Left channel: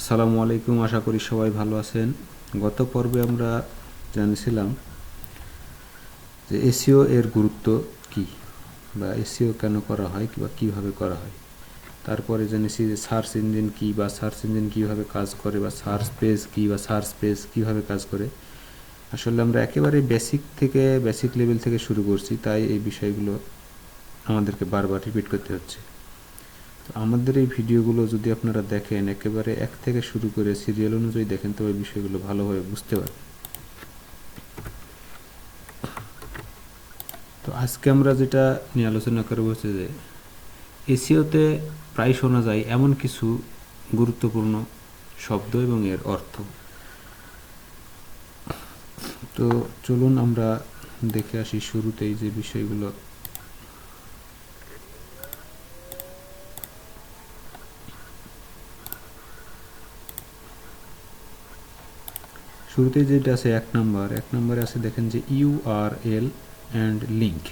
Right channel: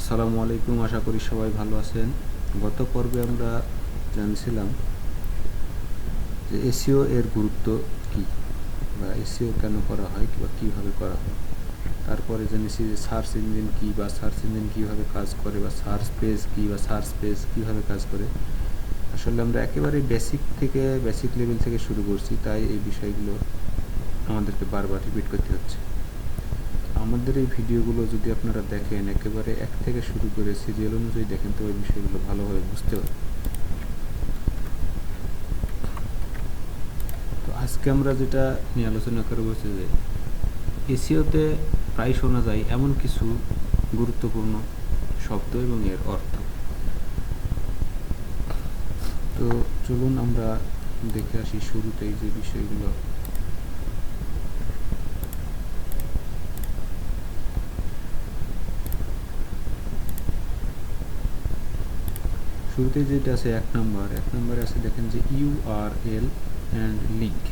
আসসালামু আলাইকুম, আশা করি সবাই ভালো আছেন। গত পর্বে আমরা জানিয়েছিলাম যে এসইও এর গুরুত্ব কি, বা এসইও কেন করা হয় বা কীভাবে করা হয়। তারপরে জেনেছি যে সার্চ ইঞ্জিন কি, বা সার্চ ইঞ্জিন কীভাবে কাজ করে, বা সার্চ পেজ কি, বা সার্চ পেজ কীভাবে কাজ করে। আসলে আমরা একেবারে বেসিক লেভেল থেকে শুরু করছি, তাই এই বিষয়গুলো আমাদেরকে বারবার রিপিট করতে হচ্ছে। আমাদের এই ভিডিওগুলো যদি আপনারা দেখেন, একেবারে এক থেকে শুরু করে সিরিয়াল অনুযায়ী দেখেন, তো এই বিষয়গুলো ভালোভাবে বুঝতে পারেন। তো আজকে আমরা যেটা নিয়ে আলোচনা করব হচ্ছে যে এসইওতে প্রায় শোনা যায় এমন কিছু গুরুত্বপূর্ণ শব্দ এবং এর অর্থ। তো চলুন আমরা দেখে আসি শুরুতেই যে বিষয়গুলো। শুরুতেই যেটা আছে এক নম্বরে আছে, দেখেন যে ইউআরএল অ্যান্ড লিঙ্ক।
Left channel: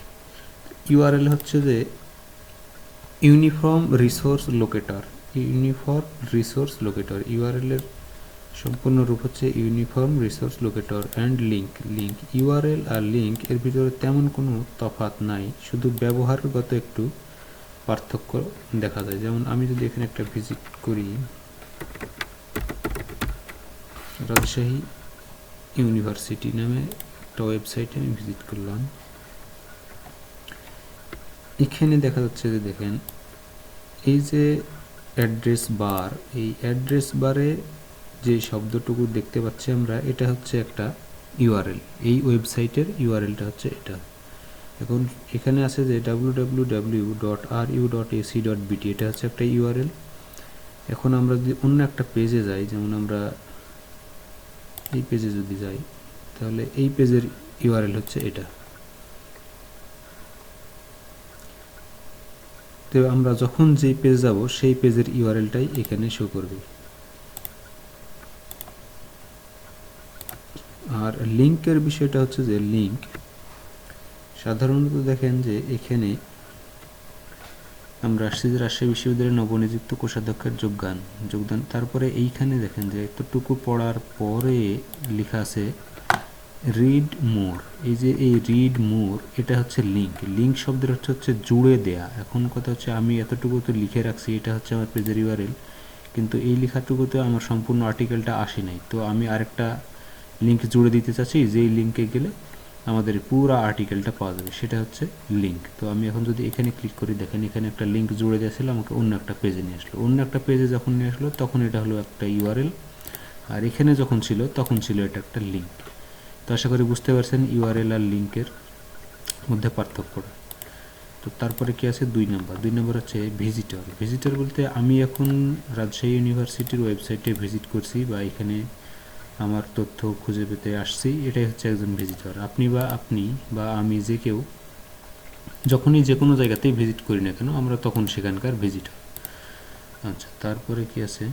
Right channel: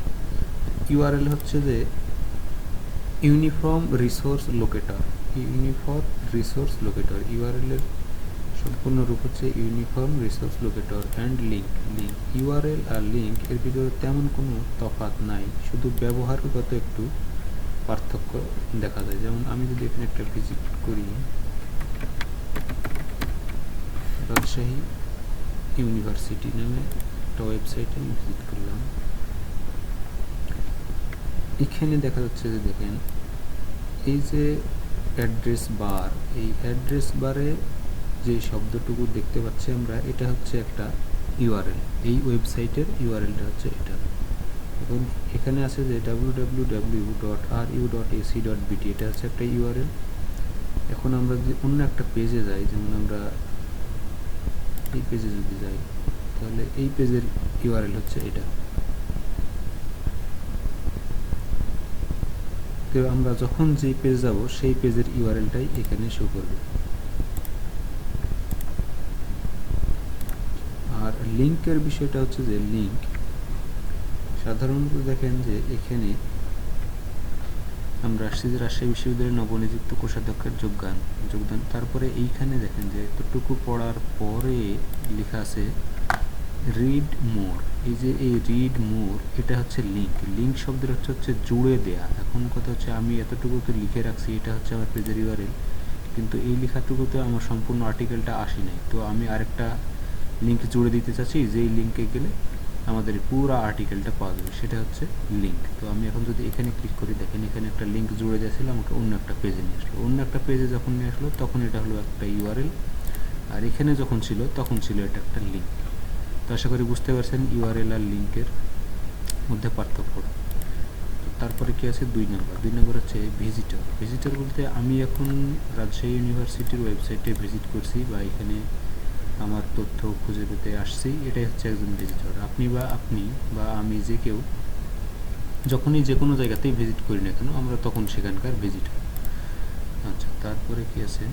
ইউআরএল হচ্ছে যে ইউনিফর্ম রিসোর্স লোকেটর। ইউআরএল এর সম্পূর্ণ রূপ হচ্ছে uniform resource locator and link. URL আর লিঙ্ক এর ভিতরে তেমন কোনো তফাৎ নাই, শুধু ব্যবহারগত একটু পার্থক্য দেখা যায়। যেমন আমি যদি এখানে একটা ভিজিট করি, রাজশাহী ইউনিভার্সিটি নামে একটা ওয়েবসাইটে আমি ভিজিট করলাম। এখানে দেখা যাচ্ছে যে দেখেন এই যে অ্যাড্রেস বার, এই অ্যাড্রেস বারে যে শব্দটুকু দেখতে পাচ্ছি আমরা, এটা হচ্ছে একটা ইউআরএল। এই ওয়েবসাইটের ইউআরএলটা হচ্ছে এটা। এখন এখানে আছে যে www.ru.ac.bt, এটা হচ্ছে একটা ইউআরএল। এখন আমরা যদি অন্য একটা পেজে যাই, যেমন আমরা এই পেজে যদি যাই, তাহলে এই পেজের ইউআরএল হচ্ছে এটা। তো আমরা যখন যেই পেজ যাব সেই পেজের ইউআরএলটাই এখানে শো করবে। আর লিঙ্কের বিষয়টা হচ্ছে যে লিঙ্ক সাধারণত দেখেন যে এখানে আমরা আসছি যে রাজশাহী বিশ্ববিদ্যালয়ের নবনিযুক্ত কোষাধ্যক্ষের যোগদান। তারপরে এইখানে দেখেন যে এতটুকু পড়ার পরে লেখা আছে রিড মোর। এই যে এই রিড মোর, এটা হচ্ছে লিঙ্ক শব্দের হচ্ছে জুড়ে দেয়া। এখন কথা হচ্ছে আমি এতটুকু তো লিখে রাখছি, এটা হচ্ছে আমার পেজের ইউআরএল, কিন্তু এই লেখাটুকুতে আমার সম্পূর্ণ আর্টিকেলটা আসে নাই। তো আমি আরেকটা লিঙ্ক জুড়ে দিতে চাচ্ছি, যেই লিঙ্কে গেলে আমাদের পুরো আর্টিকেলটা পাওয়া যাবে, সেটা হচ্ছে লিঙ্ক। তো আমি এখন যদি এখানে ক্লিক করি, দেখেন এখানে একটা লিঙ্ক জুড়ে দিয়েছিল, আমাকে অন্য একটা পেজে নিয়ে আসলো। অন্য একটা পেজে যখন নিয়ে আসলো তখন এটা হলো একটা ইউআরএল, আর এখানে যখন ছিল তখন ছিল এটা একটা লিঙ্ক। তো আশা করি বুঝতে পারছেন ইউআরএল আর লিঙ্কের মধ্যে পার্থক্যটা। তো তারপরে কি আছে দুই নম্বর হচ্ছে ভিজিটর বলতে আমি এখন রাজশাহী ইউনিভার্সিটির ওয়েবসাইটে ভিজিট করছি, বা এখানে আমার তথ্য খুঁজে পেতে আসছি, এটাই হচ্ছে একজন ভিজিটর। আপনি বা আমি যে কেউ যখনই যে কোনো জায়গাতেই ভিজিট করি না কেন, আমরা তখন সেখানকার ভিজিটর। আচ্ছা, তারপরে কি আছে,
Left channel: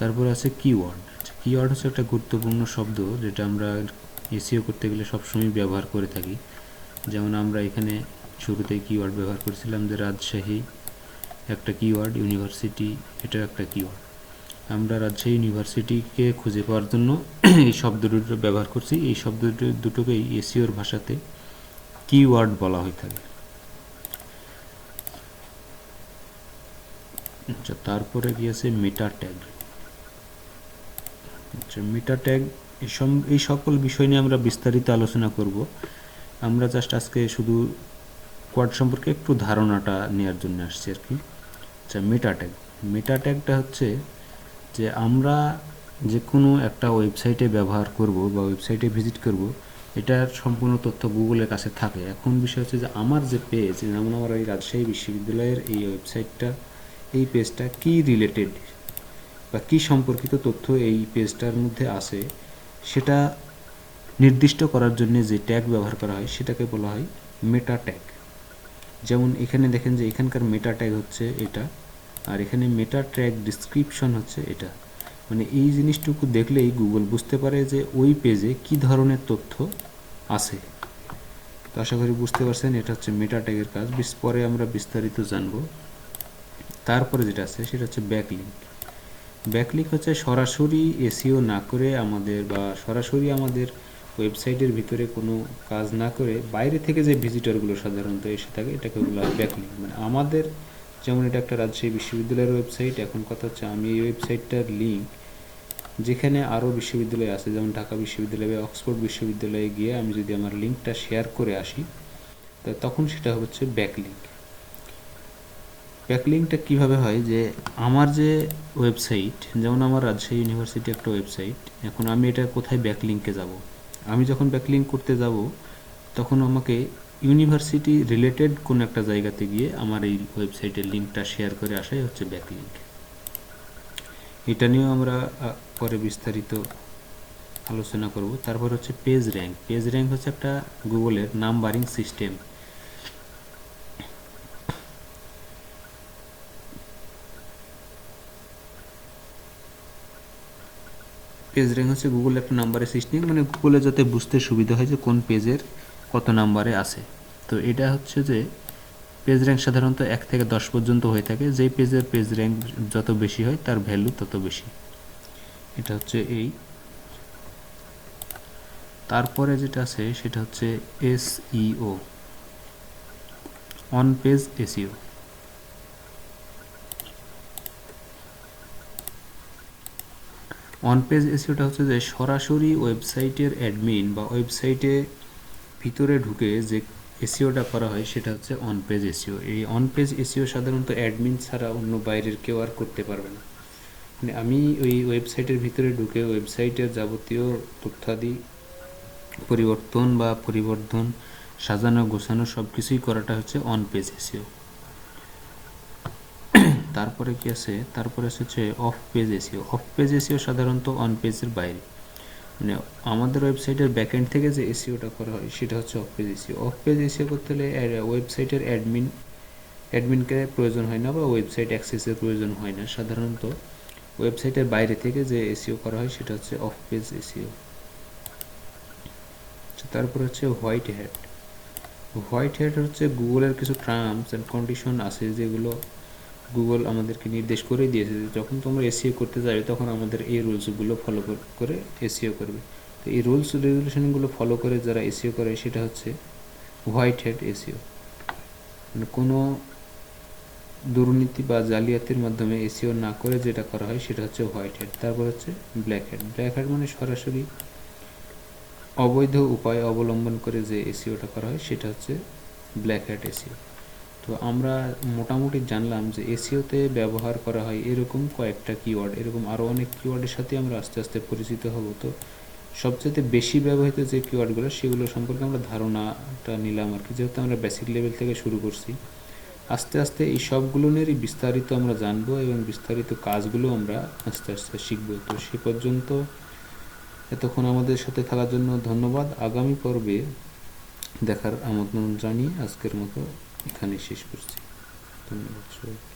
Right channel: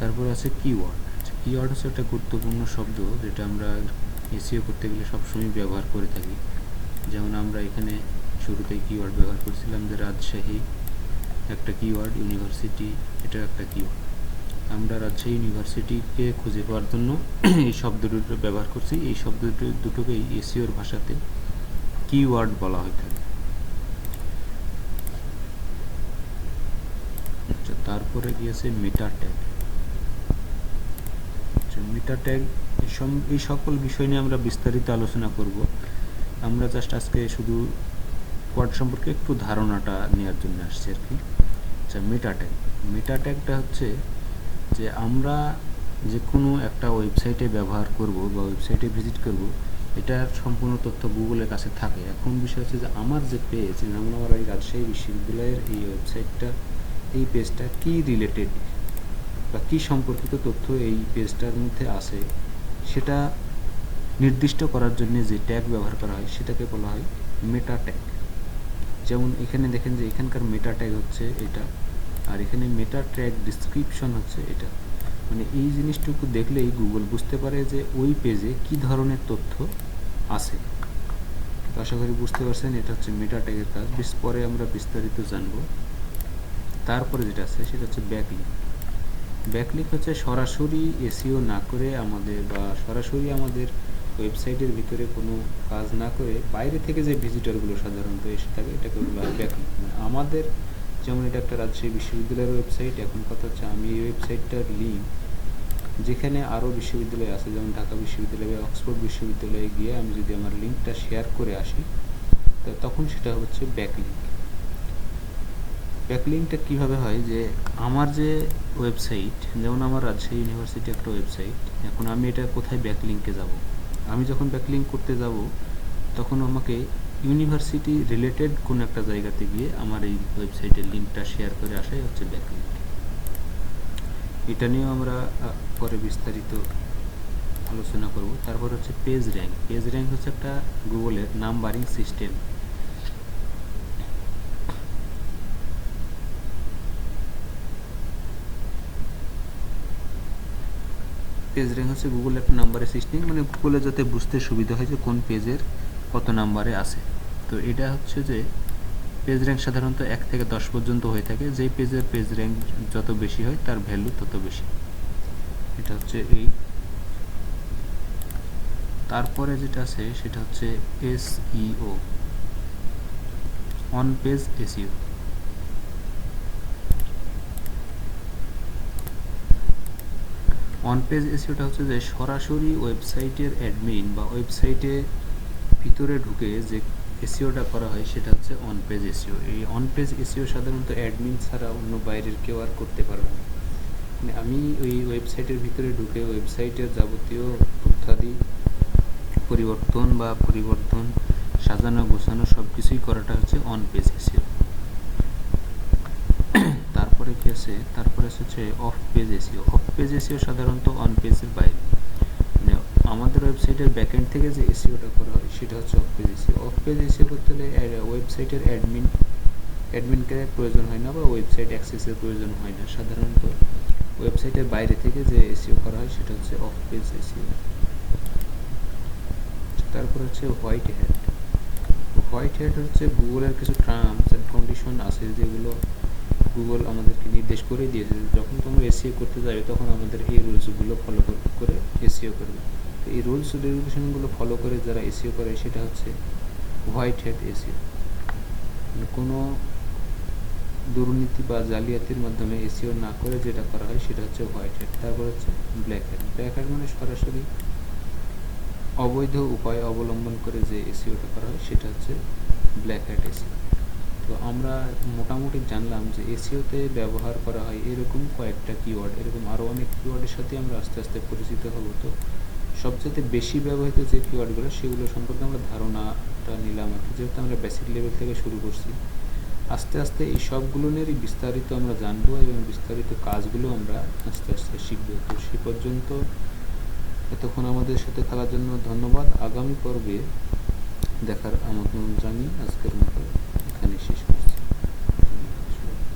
তারপরে আছে কিওয়ার্ড। কিওয়ার্ড হচ্ছে একটা গুরুত্বপূর্ণ শব্দ, যেটা আমরা এসইও করতে গেলে সবসময় ব্যবহার করে থাকি। যেমন আমরা এখানে শুরুতেই কিওয়ার্ড ব্যবহার করেছিলাম যে রাজশাহী একটা কিওয়ার্ড, ইউনিভার্সিটি এটা একটা কিওয়ার্ড। আমরা রাজশাহী ইউনিভার্সিটিকে খুঁজে পাওয়ার জন্য এই শব্দ দুটো ব্যবহার করছি। এই শব্দ দুটোকেই এসইওর ভাষাতে কিওয়ার্ড বলা হয়ে থাকে। আচ্ছা, তারপরে কি আছে মেটা ট্যাগ। আচ্ছা, মেটা ট্যাগ এই সকল বিষয় নিয়ে আমরা বিস্তারিত আলোচনা করব। আমরা জাস্ট আজকে শুধু কোয়াড সম্পর্কে একটু ধারণাটা নেওয়ার জন্য আসছি আর কি। আচ্ছা, মেটা ট্যাগটা হচ্ছে যে আমরা যে কোনো একটা ওয়েবসাইটে ব্যবহার করব বা ওয়েবসাইটে ভিজিট করব, এটার সম্পূর্ণ তথ্য গুগলের কাছে থাকে। এখন বিষয় হচ্ছে যে আমার যে পেজ, যেমন আমার এই রাজশাহী বিশ্ববিদ্যালয়ের এই ওয়েবসাইটটা, এই পেজটা কি রিলেটেড বা কি সম্পর্কিত তথ্য এই পেজটার মধ্যে আছে, সেটা নির্দিষ্ট করার জন্য যে ট্যাগ ব্যবহার করা হয় সেটাকে বলা হয় মেটা ট্যাগ। যেমন এখানে দেখেন যে এখানকার মেটা ট্যাগ হচ্ছে এটা, আর এখানে মেটা ট্যাগ ডিসক্রিপশন হচ্ছে এটা। মানে এই জিনিসটুকু দেখলেই গুগল বুঝতে পারে যে ওই পেজে কি ধরনের তথ্য আছে। তো আশা করি বুঝতে পারছেন, এটা হচ্ছে মেটা ট্যাগের কাজ। পরে আমরা বিস্তারিত জানব। তারপরে যেটা আছে সেটা হচ্ছে ব্যাকলিঙ্ক। ব্যাকলিঙ্ক হচ্ছে সরাসরি এসইও না করে আমাদের বা সরাসরি আমাদের ওয়েবসাইটের ভিতরে কোনো কাজ না করে বাইরে থেকে যে ভিজিটরগুলো সাধারণত এসে থাকে এটাকে বলা হয় ব্যাকলিঙ্ক। মানে আমাদের যেমন এটা একটা রাজশাহী বিশ্ববিদ্যালয়ের ওয়েবসাইট, এখন কথা হচ্ছে আমি এই ওয়েবসাইটটার লিঙ্ক যেখানে আরও বিশ্ববিদ্যালয় আছে যেমন ঢাকা বিশ্ববিদ্যালয় বা অক্সফোর্ড বিশ্ববিদ্যালয়ে গিয়ে আমি যদি আমার লিঙ্কটা শেয়ার করে আসি তখন সেটা হচ্ছে ব্যাকলিঙ্ক। ব্যাকলিঙ্কটা কীভাবে হয় যে আমার যে ওয়েবসাইট, যেমন আমার রাজশাহী ইউনিভার্সিটি একটা ওয়েবসাইট, এখন আমি এটা কোথায় ব্যাকলিঙ্কে যাব, আমি যখন ব্যাকলিঙ্ক করতে যাব তখন আমাকে ইউনিভার্সিটি রিলেটেড কোনো একটা জায়গাতে গিয়ে আমার এই ওয়েবসাইটের লিঙ্কটা শেয়ার করে আসাই হচ্ছে ব্যাকলিঙ্ক। এটা নিয়েও আমরা পরে বিস্তারিত আলোচনা করব। তারপর হচ্ছে পেজ র্যাঙ্ক। পেজ র্যাঙ্ক হচ্ছে একটা গুগলের নাম্বারিং সিস্টেম। পেজ র্যাঙ্ক হচ্ছে গুগল একটা নাম্বারের সিস্টেম, মানে গুগলে যাতে বুঝতে সুবিধা হয় যে কোন পেজের কত নাম্বারে আছে। তো এটা হচ্ছে যে পেজ র্যাঙ্ক সাধারণত 1 থেকে 10 পর্যন্ত হয়ে থাকে, যেই পেজের পেজ র্যাঙ্ক যত বেশি হয় তার ভ্যালু তত বেশি। এটা হচ্ছে এই। তারপরে যেটা আছে সেটা হচ্ছে SEO, on page SEO. On page এসইওটা হচ্ছে যে সরাসরি ওয়েবসাইটের অ্যাডমিন বা ওয়েবসাইটে ভিতরে ঢুকে যে এসইওটা করা হয় সেটা হচ্ছে অন পেজ এসইও। এই অন পেজ এসইও সাধারণত অ্যাডমিন ছাড়া অন্য বাইরের কেউ আর করতে পারবে না। মানে আমি ওই ওয়েবসাইটের ভিতরে ঢুকে ওয়েবসাইটের যাবতীয় তথ্যাদি পরিবর্তন সাজানো গোছানো সব কিছুই করাটা হচ্ছে অন পেজ এসইও। তারপরে কি আছে, তারপরে হচ্ছে of page SEO. Of page SEO সাধারণত অন পেজের বাইরে, মানে আমাদের ওয়েবসাইটের ব্যাকএন্ড থেকে যে এসইওটা করা হয় সেটা হচ্ছে of page SEO. Of page SEO করতে হলে ওয়েবসাইটের অ্যাডমিনকে প্রয়োজন হয় না বা ওয়েবসাইট অ্যাক্সেসের প্রয়োজন হয় না। সাধারণত ওয়েবসাইটের বাইরে থেকে যে এসইও করা হয় সেটা হচ্ছে অফ পেজ এসইও। তারপর হচ্ছে হোয়াইট হ্যাট। হোয়াইট হ্যাট হচ্ছে গুগলের কিছু টার্মস অ্যান্ড কন্ডিশন আছে যেগুলো গুগল আমাদেরকে নির্দেশ করে দিয়েছে যে যখন তোমরা এসইও করতে যাবে তখন আমাদের এই রুলসগুলো ফলো করে এসইও করবে। তো এই রুলস রেগুলেশনগুলো ফলো করে যারা এসইও করে সেটা হচ্ছে হোয়াইট হ্যাট এসইও। মানে কোনো দুর্নীতি বা জালিয়াতির মাধ্যমে এসইও না করে যেটা করা হয় সেটা হচ্ছে হোয়াইট হ্যাট। তারপর হচ্ছে ব্ল্যাক হ্যাট। ব্ল্যাক হ্যাট মানে সরাসরি অবৈধ উপায় অবলম্বন করে যে এসইওটা করা হয় সেটা হচ্ছে ব্ল্যাক হ্যাট এসইও। তো আমরা মোটামুটি জানলাম যে এসইওতে ব্যবহার করা হয় এরকম কয়েকটা কিওয়ার্ড, এরকম আরও অনেক কিওয়ার্ডের সাথে আমরা আস্তে আস্তে পরিচিত হব। তো সবচেয়ে বেশি ব্যবহৃত যে কিওয়ার্ডগুলো সেগুলো সম্পর্কে আমরা ধারণাটা নিলাম আর কি, যেহেতু আমরা বেসিক লেভেল থেকে শুরু করছি। আস্তে আস্তে এই সবগুলো নিয়েই বিস্তারিত আমরা জানবো এবং বিস্তারিত কাজগুলো আমরা আস্তে আস্তে শিখব। তো সে পর্যন্ত এতক্ষণ আমাদের সাথে থাকার জন্য ধন্যবাদ। আগামী পর্বে দেখার আমন্ত্রণ জানিয়ে আজকের মতো এখানেই শেষ করছি। ধন্যবাদ।